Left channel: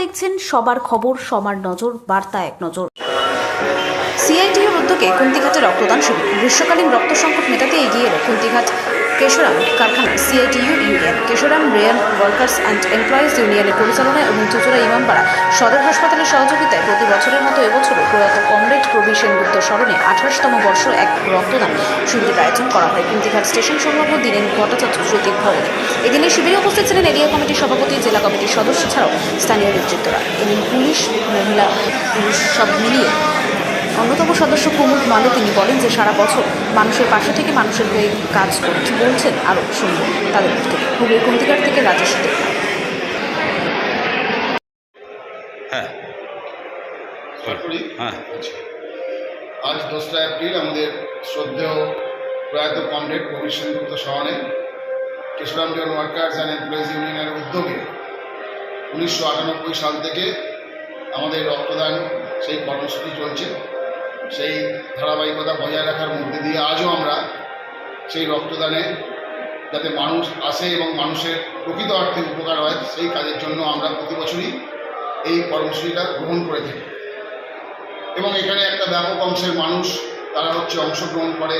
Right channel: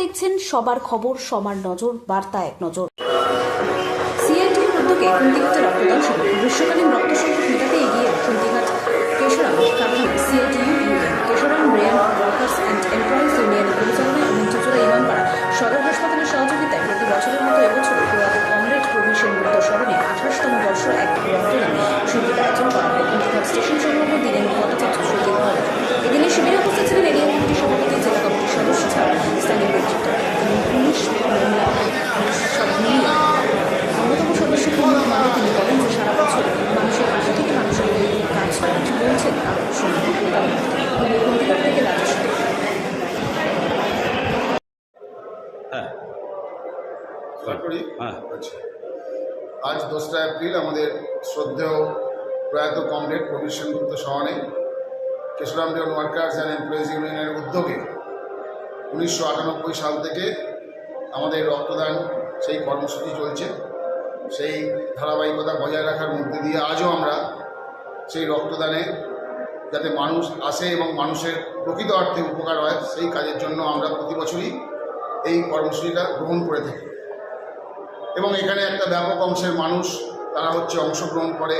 দেখছেন সবার খবর, সবার নজর, বার্তা এক নজর। সিআইটির উদ্যোগে কুন্তিঘাটে রক্তদান শিবির। গ্রীষ্মকালীন রক্ত সংকট মেটাতে এগিয়ে এলো কুন্তিঘাট কেশরাম কারখানার CITU union, Kesoram rayon workers and employees ইউনিয়নের পরিচালনায় এবং চুচুড়া ইমামপাড়া সদর হাসপাতালের সহযোগিতায় প্রতি বছরের মতো এবছরও প্রয়াত কমরেড প্রবীর সেনগুপ্ত স্মরণে 28তম বর্ষ এক রক্তদান শিবিরের আয়োজন করা হয় কুন্তিঘাট স্টেশন সংলগ্ন দীনেন ভট্টাচার্য স্মৃতির ঘরে। এদিনে শিবিরে উপস্থিত ছিলেন এরিয়া কমিটির সভাপতি, জেলা কমিটির সদস্য ছাড়াও স্থানীয় নেতৃত্বরা। এদিন পুলিশ, মহিলা, পুরুষ সব মিলিয়ে অন্যতম সদস্য প্রমোদ মালে তিনি বলেন যে সারা বছর মানুষের পাশে থেকে মানুষের হয়ে কাজ বলছেন। আরও শুনুন তাদের থেকে। হুগলির কুন্তিঘাট থেকে রাজেশ। আজ 2রা এপ্রিল আমাদের শ্রদ্ধেয় প্রয়াত কমরেড প্রবীর সেনগুপ্ত স্মরণে Kesoram rayon workers and employees ইউনিয়নের উদ্যোগে 1998 সাল থেকে আমাদের রক্তদান সেই কর্মসূচি চলছে। সেই ধারাবাহিকতা বজায় রাখার মধ্যে দিয়ে আজও আমরা সেই রক্তদানে যাতে মানুষ আসে এবং মানুষের প্রকৃত অর্থে উপকার হয় সেই কাজের জন্য আমরা প্রতি বছরই এই কর্মসূচিটা গ্রহণ করে থাকি। এবং এখানে একটা ব্যাপক অংশের মানুষ তারা অংশগ্রহণ করে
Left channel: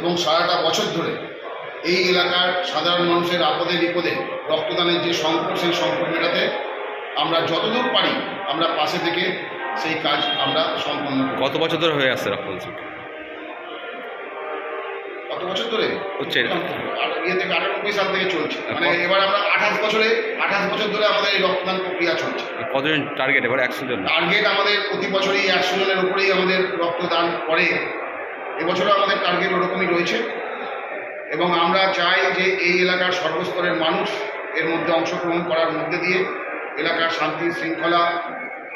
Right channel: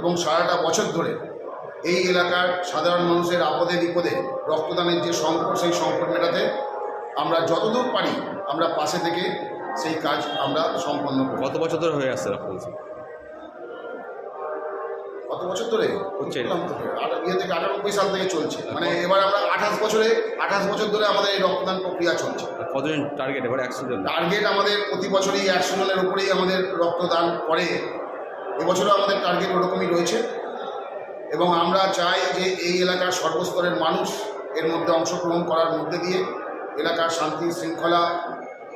এবং সারাটা বছর ধরে এই এলাকার সাধারণ মানুষের আপদে বিপদে রক্তদানের যে সংকট, সেই সংকট মেটাতে আমরা যতদূর পারি আমরা পাশে থেকে সেই কাজ আমরা সম্পন্ন করি। কত বছর ধরে হয়ে আসছে রক্তদান? কত বছর ধরে হচ্ছে? থেকে 98 সাল থেকে চলছে। মানে এবার আমরা 28 বছর ধরে আমাদের এই রক্তদান প্রক্রিয়া চলছে। কতজন টার্গেট? এবার 100 জন টার্গেট আমাদের প্রতি বছরই 100 জনের উপরেই আমাদের রক্তদান করে। এবছরও আমাদের টার্গেট ওরকমই রয়েছে এবং আমরা চাই যে এই এলাকার সর্বস্তরের মানুষ এর মধ্যে অংশগ্রহণ করার মধ্যে দিয়ে এলাকার শান্তি শৃঙ্খলা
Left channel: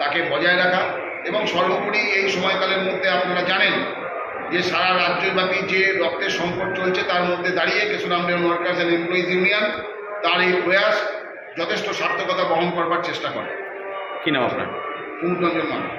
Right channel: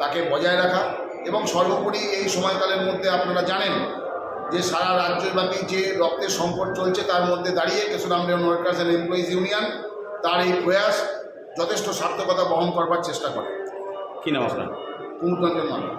তাকে বজায় রাখা এবং সর্বোপরি এই সময়কালের মধ্যে আপনারা জানেন যে সারা রাজ্যব্যাপী যে রক্তের সংকট চলছে তার মধ্যে দাঁড়িয়ে Kesoram rayon workers and employees union তার এই প্রয়াস যথেষ্ট সার্থকতা বহন করবার চেষ্টা করে। কী নাম আপনার? কুমুদ রঞ্জন মান্না।